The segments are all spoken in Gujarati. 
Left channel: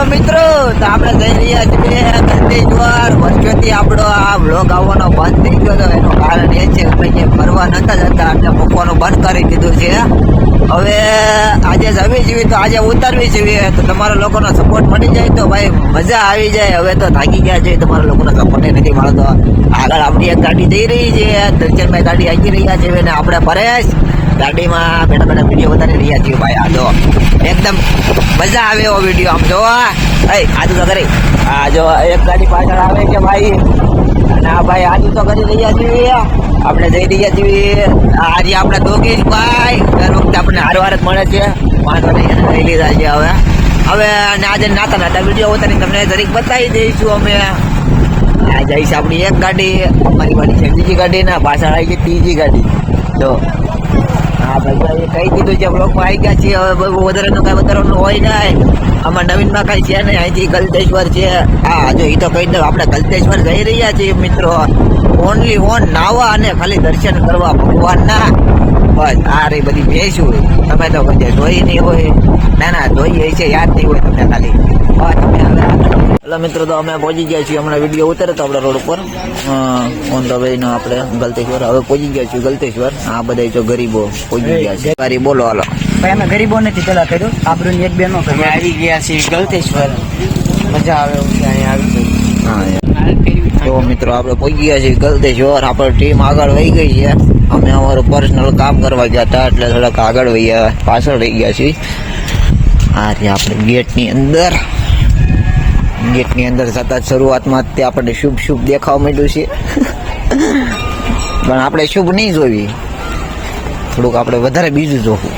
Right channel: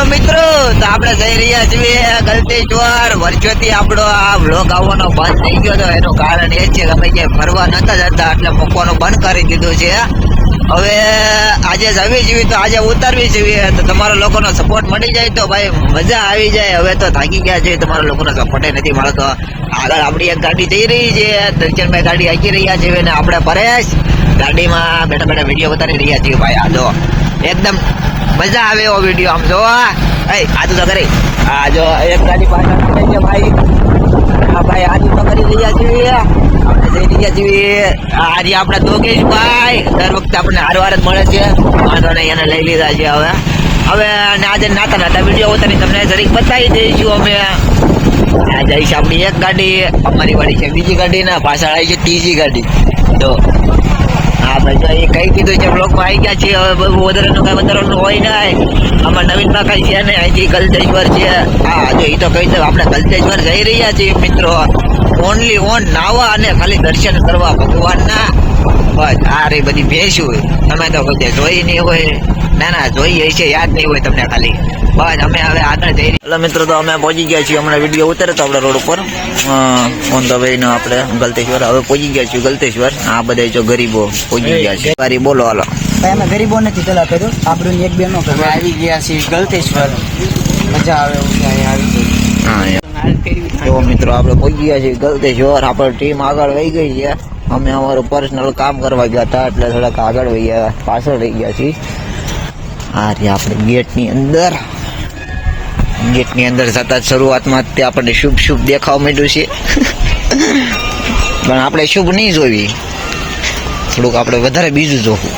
હેલો મિત્રો, તો આપણે જઈ રહ્યા છીએ ગલતી ચોર વર્ષોથી આપણો આ વ્લોગ આવવાનો બંધ થઈ ગયો હતો એનું કારણ એ છે કે અમે ક્યાંય ફરવા નતા જતા, એટલે મૂકવાનું બંધ કરી દીધું છે. હવે આજે જવી જોઈએ તો આજે ઉતારવી જોઈએ. તો તમારા લોકોનો સપોર્ટ મળી જાય તો ભાઈ મજા આવી જાય. હવે તો થાકી ગયા છે, તમારા લોકોનો સપોર્ટ નથી મળતો. આગળ આપણી એક ગાડી જઈ રહી છે દર્શનભાઈ ગાડી હાકી રહ્યા છે અને આપણે પરેશ ગાડીમાં બેઠા બેઠા વીડિયો બતાવી રહ્યા છીએ ભાઈ. આ જો એકદમ મજા આવે એવો વીડિયો આમ જો આદુ તો કરી. આ જો એક ગાડી પાછળ આવે છે ભાઈ. હા ભાઈ આદુ તો કરી રહ્યા છીએ આપણે જઈ રહ્યા છીએ. આજે આપણે દોગેશ ભાઈ. દર વખતે આપણને હારવાર જ મળે છે. વાંધો નહીં, એને લઈ લીધા છે હવે. હવે આજે નાતા નાતા વીડિયો ઉતારી તમને જરીક બતાવી દઈશું અમે. આ જઈશ આપણી એક ગાડી, અમારી ગાડી છે બીજી ગાડી ને પાછળ આવી છે ત્રીજી ગાડી. તો હા, ભાઈ એ કઈ કીધું છે બ્લોકમાં આવી ગયા છીએ, હવે બહુ વધારાનું કાંઈ વધારાનું હોય નહીં. આમાં નવીનમાં કાંઈ છે ને અહીંથી ગલતેશ્વર છે. હા, જો એ તો કહી દઉં, આપણે ગલતેશ્વર જઈ રહ્યા છીએ, મિત્રો. ઓનલી ઓન નાવા અને ખાલી દર્શન કરવા ભગવાનના. બસ આ રે બધી ભેંસું તમે તો બધે જોઈ નહીં હોય. ના ના જોઈએ છે યાદ નહીં હોય તમને ખાલી. બસ અમે હવે આગળ જઈ એટલે મિત્રો તો અમે પહોંચી ગયા છીએ હમણાં વીડિયો ઉતરે તો આપણે રોડ ઉપર. ઓન ધ વે નો આપણે ગલતેશ્વર હવે પહોંચી ગયા છીએ ગલતેશ્વર. આ બધા જો ગરીબો પહોંચી ગયા છે. ગરીબ બોલો હાલો. અમે ગરીબો નથી પેલા કર્યું. આપણું એક બે નો અમે આવી ગયા છીએ ગલતેશ્વર. મજા આવે એવું આવી ગઈ હા યાર. જો મિત્રો આપણે પહોંચી ગયા છીએ ગલતેશ્વર. આપણી ટીમ આગળ વહી ગઈ છે. અમે અમારું પર્સનલ કામ કરવા ગયા હતા, એટલે થોડાક આગળ વહી પાછળ રહી ગયા છીએ. આ રે આપણે ગેટની અંદર. ગેટની અંદર જતા શરૂઆતમાં તે આપણને શુભ શુભ દેખાવા માંડ્યું છે. પણ આપણે શુભ નહીં જોવી. થોડુંક આપણે વધારે બીજું જોવું.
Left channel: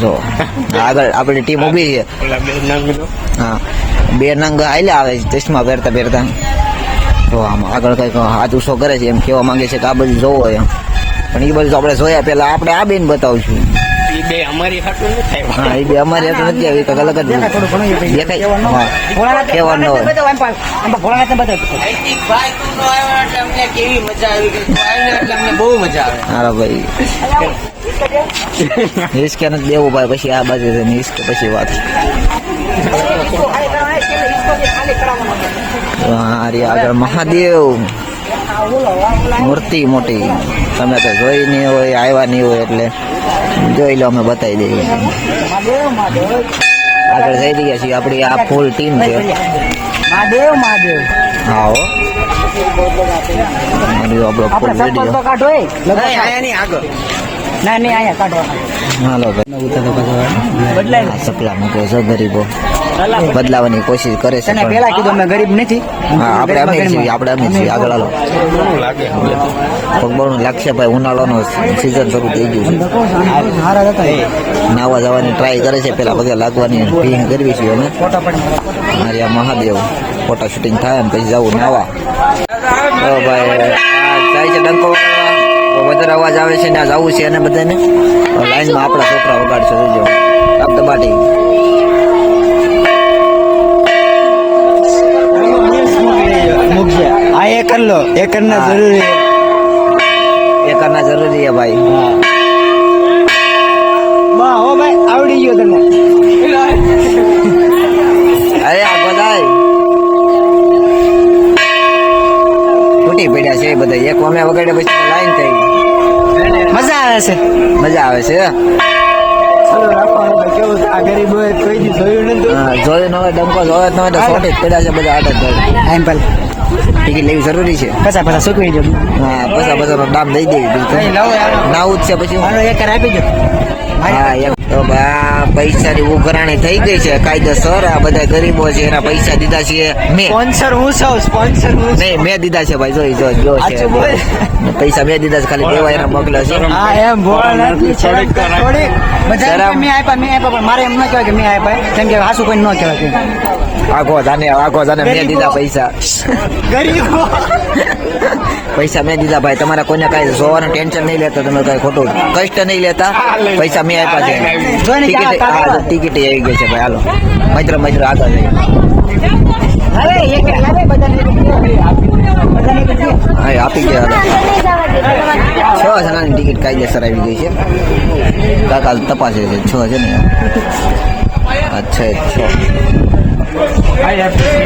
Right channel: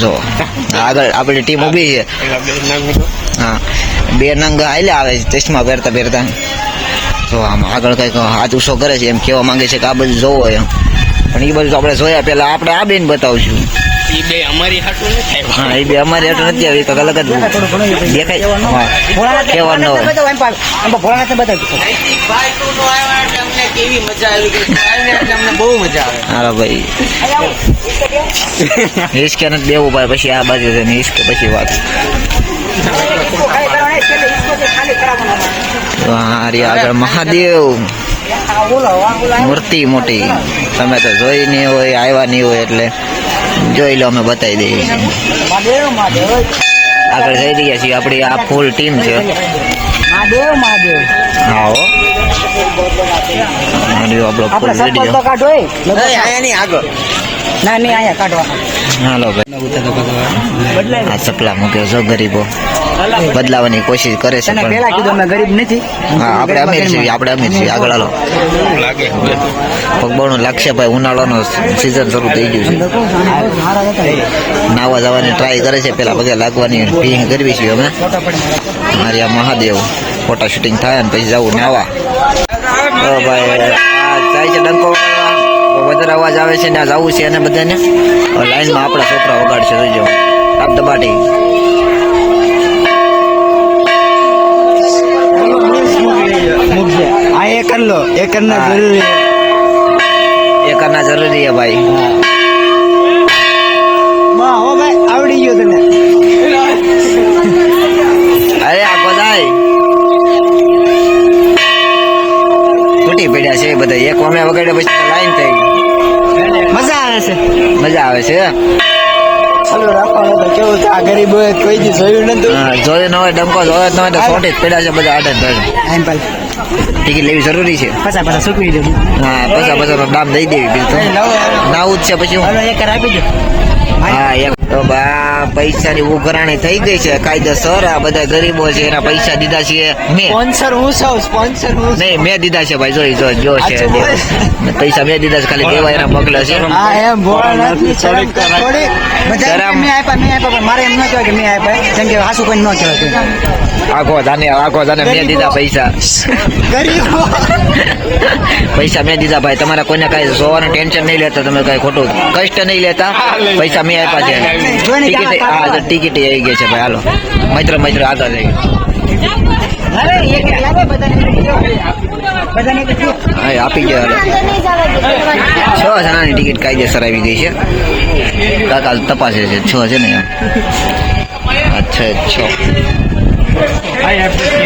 જો, આગળ આપણી ટીમ ઊભી છે. હા, બે નંગ આવેલા આવે છે, ચશ્મા પહેરતા પહેરતા. તો આમ આગળ કંઈક હાથ ઉછો કરે છે, એમ કહેવા માંગે છે કે આ બધું જોવો એમ. પણ એ બધું આપણે જોયા પેલા આપણે આ બેન બતાવશું એ બે અમારી હાટું નથી હા એ બે અમારે નથી આવી કંઈક અલગ જ દેખાય હા કહેવાનું હોય ભોળાનાથ બતાવ અમને કેવી મજા આવી ગઈ આવીને એટલે અમને બહુ મજા આવે હાલો ભાઈ હિસકે નથી દેવું ભાઈ પછી આ બાજુ છે ને હિસકે પછી વાત હા આગળ મહાદેવ મૂર્તિ મોટી. તમે તો જોઈ નહીં હોય આવ્યા નહીં હોય એટલે જોઈ લો અમે બતાવી દઈએ. આગળ જઈ રહ્યા છીએ આપણી આ ફૂલ ટીમ છે. હા આપણો ફૂલ રેડિયો કાઢો એ અહીંયા નહીં આગળ. ના નહીં અહીંયા કાઢો. હાલો ભાઈ. આ સપલા મૂક્યો છો ગરીબો. બદલાવાની કોશિશ કરે છે પણ પેલા કીધું અમે ગરીબ નથી. હા આપણે અમીર છીએ આપણે અમીર છીએ આગળ હાલો. પગબળું લાગશે ભાઈ ઉનાળાનો સિઝન શરૂ થઈ ગયું છે. નાવા જવાની ટ્રાય કરે છે પેલા પગે લાગવાની ભીંગ કરવી છે અમે. મારી આ મહાદેવ ફોટા શૂટિંગ થાય ને પછી જવું નાવા. તો ભાઈ જાય છે ડંકો. વધારે અવાજ આવે છે ને આ જવું છે અને બધાને. લાઈનમાં આપણા છોકરા વગાડશે જોજો આપ દબાટી. લો એ કર જરૂરી એ કરના જરૂરી હો ભાઈ આવડી ગયો તને. અરે આ બધાય. તૂટી પડ્યા છે એ બધા એક વામે વગાડે પછી લાઈન થઈ મજા આવે છે. મજા આવે છે જોયું ન હોય ડંકો જોયો ન હોય તો સોટી જ પડ્યા છે બધા આટે જ ટિકિટ લેવી જરૂરી છે. પચાસ પચાસ ચૂકવી દો હા પૈસા પૈસાનો દામ દઈ દેવી બીજું તો. નાવું જ છે પછી હું એક આપી દો હા એક તો બા પૈસાની ઉઘરાણી થઈ ગઈ છે. કાયદેસર આ બધા ગરીબો છે એના પૈસા દીધા છે મેં. સ્પોન્સર હું છું સ્પોન્સર હું નહીં મેં દીધા છે ભાઈ જોઈ જો જો છે. પૈસા મેં દીધા છે ખાલી દેવા એના મોકલ્યા છે. એમ ભોળાનાથની શરમ થોડી. શરમ. મેં આપ્યા મેં આપ્યા પણ મારે એમ ન કહેવાય કે મેં આપ્યા. કેમ કે હાસુ કોઈ ન કહેવાય આખો જાને આખો જાને મેં દીધા પૈસા. ગરીબો. પૈસા મેં દીધા ભાઈ. તમારા કોઈને કાંઈ જોવાનું ટેન્શન નહીં લેતા તમે કાંઈ ખોટું કષ્ટ નહીં લેતા. પૈસા મેં આપ્યા છે ટિકિટ, હા, તો ટિકિટ આવી ગઈ છે ભાઈ, હાલો. મૈત્ર મૈત્ર આગળ જઈએ હા આપી ગયા છ જણાની ટિકિટ કાયદેસર આવી ગઈ છે. કાકા, તપાસે છે. છ છે ને? અચ્છા છ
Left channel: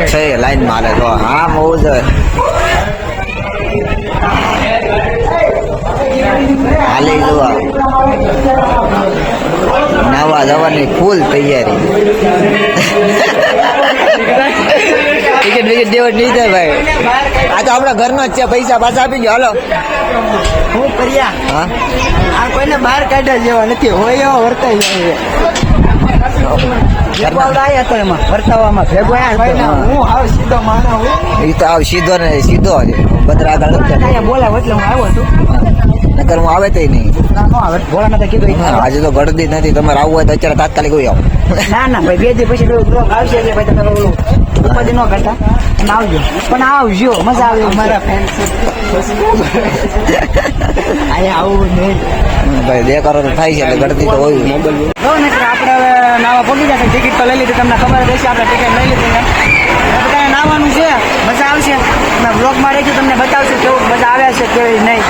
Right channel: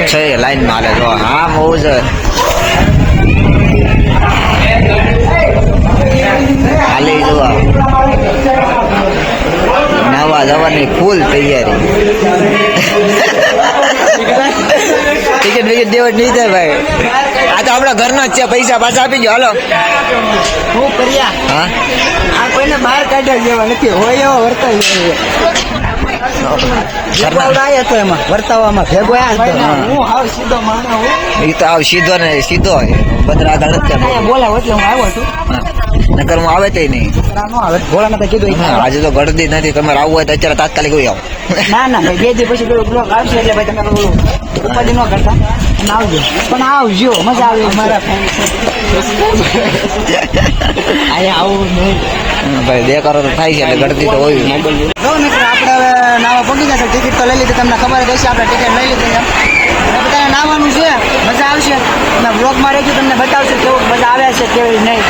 છ. લાઈનમાં હા જો. આમ હોવું ફૂલ તૈયારી. ટિકિટ વિકેટ દેવટ નહીં થાય ભાઈ. આ તો આપણા ઘરનો જ છે પૈસા પાછા આપી દો હાલો. હું કર્યા હા? આ કોઈને બહાર કાઢ્યા જેવા નથી. હોય એવા વર્તાય જાય સીધો ને સીધો બધા આગળ એટલે હું આવ્યો છું. નકર હું આવે તે નહીં. આજે તો ગળદી નથી. તમારે આવવું હોય તો અત્યારે તાત્કાલિક હોય આવો. ભાઈ બે પણ આવજો મજા આવે. અમારા ભાઈ કરો તો થાય છે એટલે ગળદી તો હોય. જો મિત્રો આપણે હવે નાવા પગી જશે ટિકિટ તો લઈ લીધી. તમને ખબર જ હશે આપણે ટિકિટ લઈ લીધી બધા બધાને નાવાનું છે. મજા આવશે. અને બ્લોગમાં રહેજો તમને બતાવશું કેવું મજા આવે છે કેવી નહીં.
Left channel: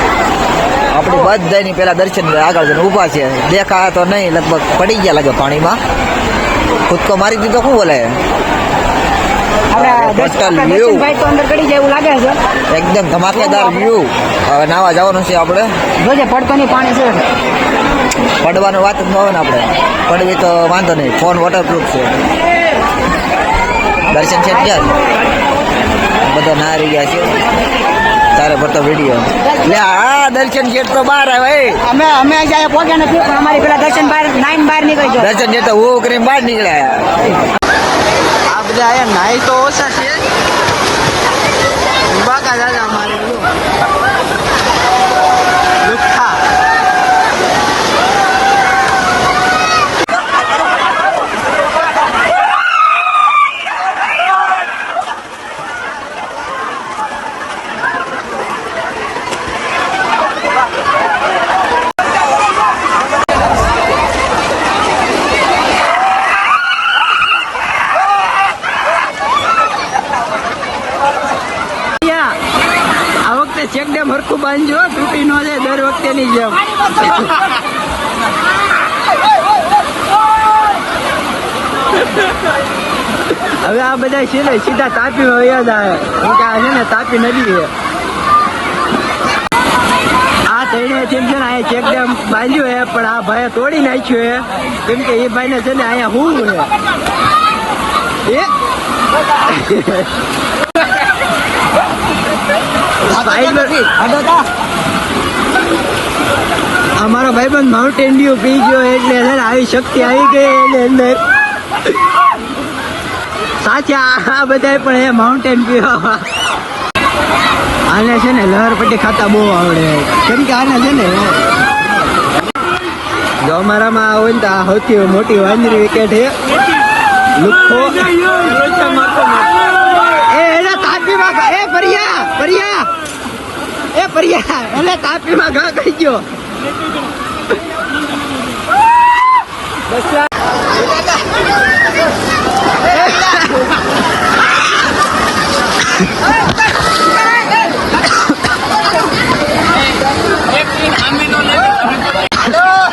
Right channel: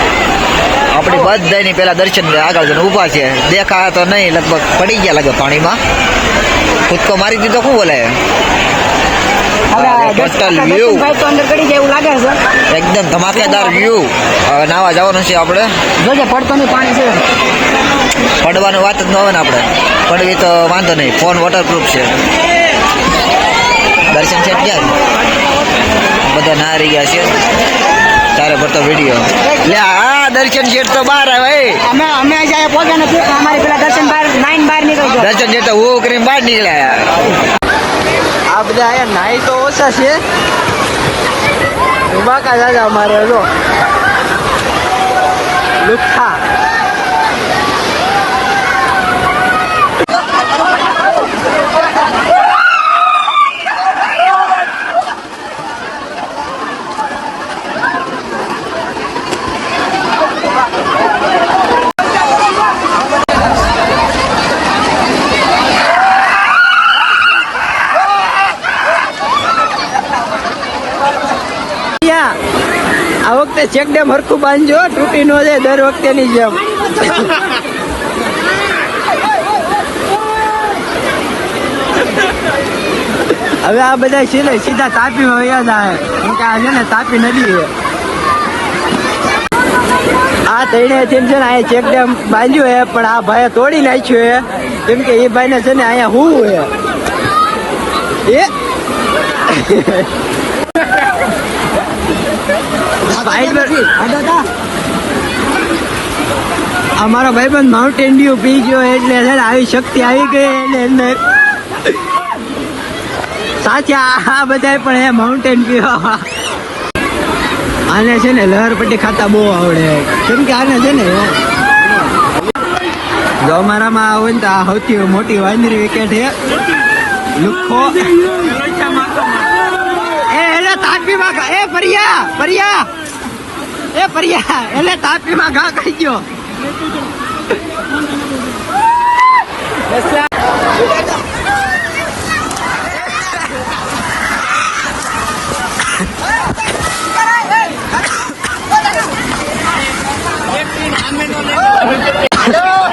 આપણી બધાની પેલા દર્શન આગળ જઈને ઊભા છે. દેખાયા તો નહીં લગભગ પડી ગયા લાગે પાણીમાં. કૂદકો મારી દીધો શું બોલે? લાગે છે. એકદમ ધમાકેદાર વ્યૂ હવે નાવા જવાનું છે આપણે. જોજે પડતો પાણી છે. પડવાની વાત જ ન હોય ને આપણે. પડવી તો વાંધો નહીં. ફોન વોટરપ્રૂફ છે. દર્શન છે બધા નારી ગયા છે. તારે પડતો વીડિયો લે આ દર્શન ગેટ તો બહાર આવે. અમે અમે જાય પહોંચ્યા નથી અમારી પેલા દર્શન બાર નાઈન બહાર નીકળી ગયો. દર્શન ગેટ તો હું કરીને બહાર નીકળ્યા આ બધા આયા નાઈ તો ઓછા છે. બાકા દાદા અમારે જો. લુખ્ખા ચેક ડેમ હરખું બાંધજો, તૂટી નો જાય, દર વખતેની જેમ. હવે આ બધા છે ને સીધા તાપી વયા જાય કેમ કે આ છે ને, તાપી નદી છે. આ તઈને છે ને, અહીંયા ચેક ડેમ બાંધ્યું હે પણ આ ભાઈએ તોડી નાખ્યું હે કેમ કે એ ભાઈને છે ને, અહીંયા હું હે અમારો પણ માઉન્ટ એન્ડ્યુ પી ગયો એટલે આવી શક્તિ આવી ગઈ એની અંદર. સાચા આ બધા પણ એ માઉન્ટેન પીવા. આને છે ને લહરપટ્ટી ખાતા બહુ આવડે. કેમ કે આને છે ને જો અમારામાં આવે ને તો આ સૌથી મોટી વાંદરી વિકેટ છે લુખો. એ એને તાકી એ પરિયા પરિયા એ પરિયા એને તાપીમાં ઘા કરી ગયો.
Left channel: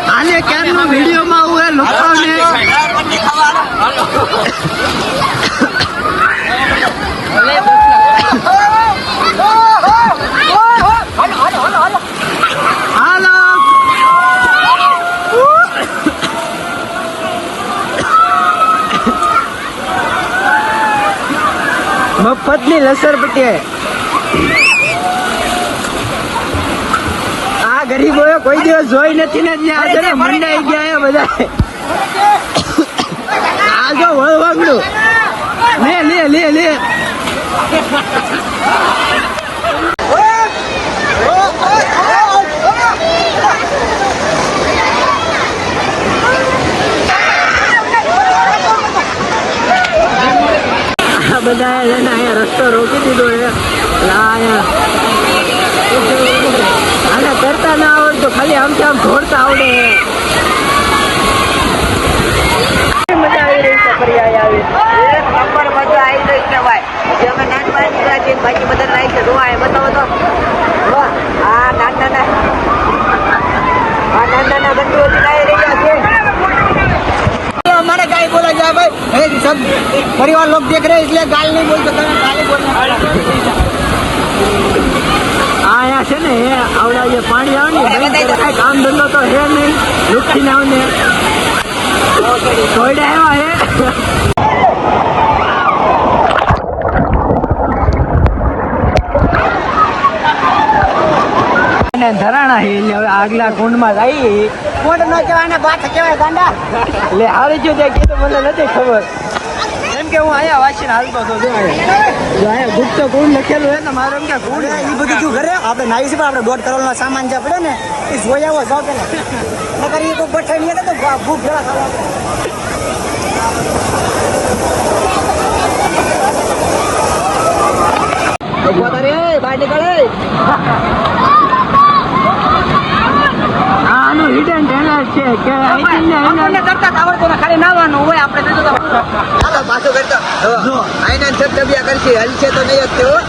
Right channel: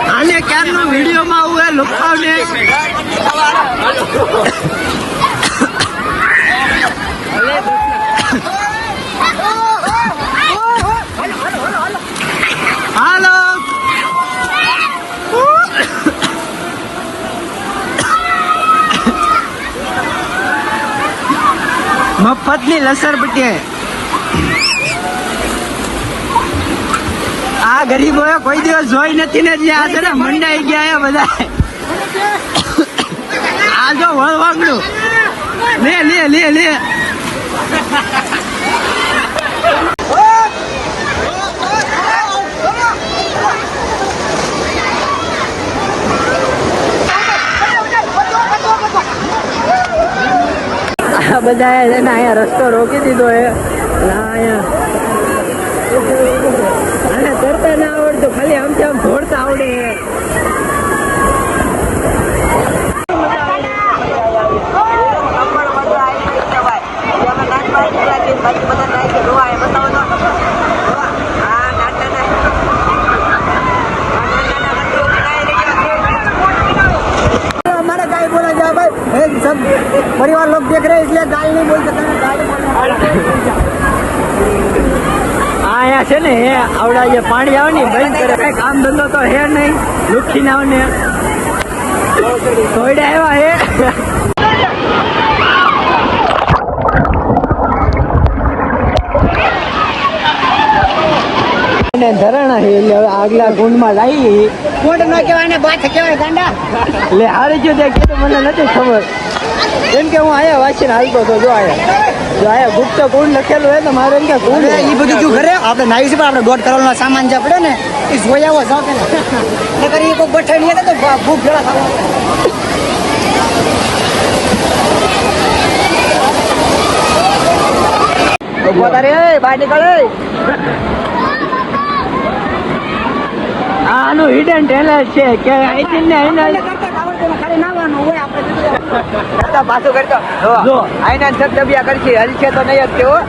હાલે ક્યારનો વિડીયોમાં આવું એ લોકોને લસર પટીએ આ ગરીબો કોઈ દિવસ જોઈ નથી ને જ્યાં છે ને મંડાઈ ગયા બધા. આ જો વળવાંગડું લે લે લે લે. આ બધા એને અહીંયા રસ્તો રોકી દીધો છે. એટલે આ અહીંયા આને કરતા ના આવડતું ખાલી આમ આમ દોડતા આવડે. મજા આવી રહી છે ફરિયા આવી? મજા આવી ગઈ છે ભાઈ. જે અમે નાન બહાર નીકળ્યા બાકી બધા નાઈ છે. જોવા એ બતાવો તો. જોવા આ નાના નાના આ નાના નાના ગંદુ નાઈ રહ્યા છે. है भाई सब परिवार लोग देख रहे हैं इसलिए गाल नहीं बोल सकते आया है ने आवड़ा ये पानी आवे नहीं बैंक करे काय काम धंधो तो है नहीं लुटकी ना ने थोड़ा है है અને ધરાણા હે એટલે હવે આગલા ગુંડમાં લાવી કોટ ન કહેવાય ને બાથ કહેવાય ગાંડા એટલે આવી જો મને નથી ખબર. કેમ કે હું આયા વાંચીને હાલતો હતો જો આયા જો આયા ગુપ્ત કુંડ લખેલું હોય તો મારે એમ કે કુંડ એ બધું શું કરે? આપણે નાઈ છે આપણે દોઢ કરોડનો સામાન જે પડે ને એ જોઈ આવો જો કે. નકર એ તો બઠાણી ને તો ભૂખ જરા ખાવા. બહાર નીકળે. આનું હિડન ટેલેન્ટ છે કે અહીંથી ને કરતા ને ખાલી નાવાનું હોય આપણે નથી. પાછું જો. આઈના છત કરશે હજી છે તો નહીં જ જોયો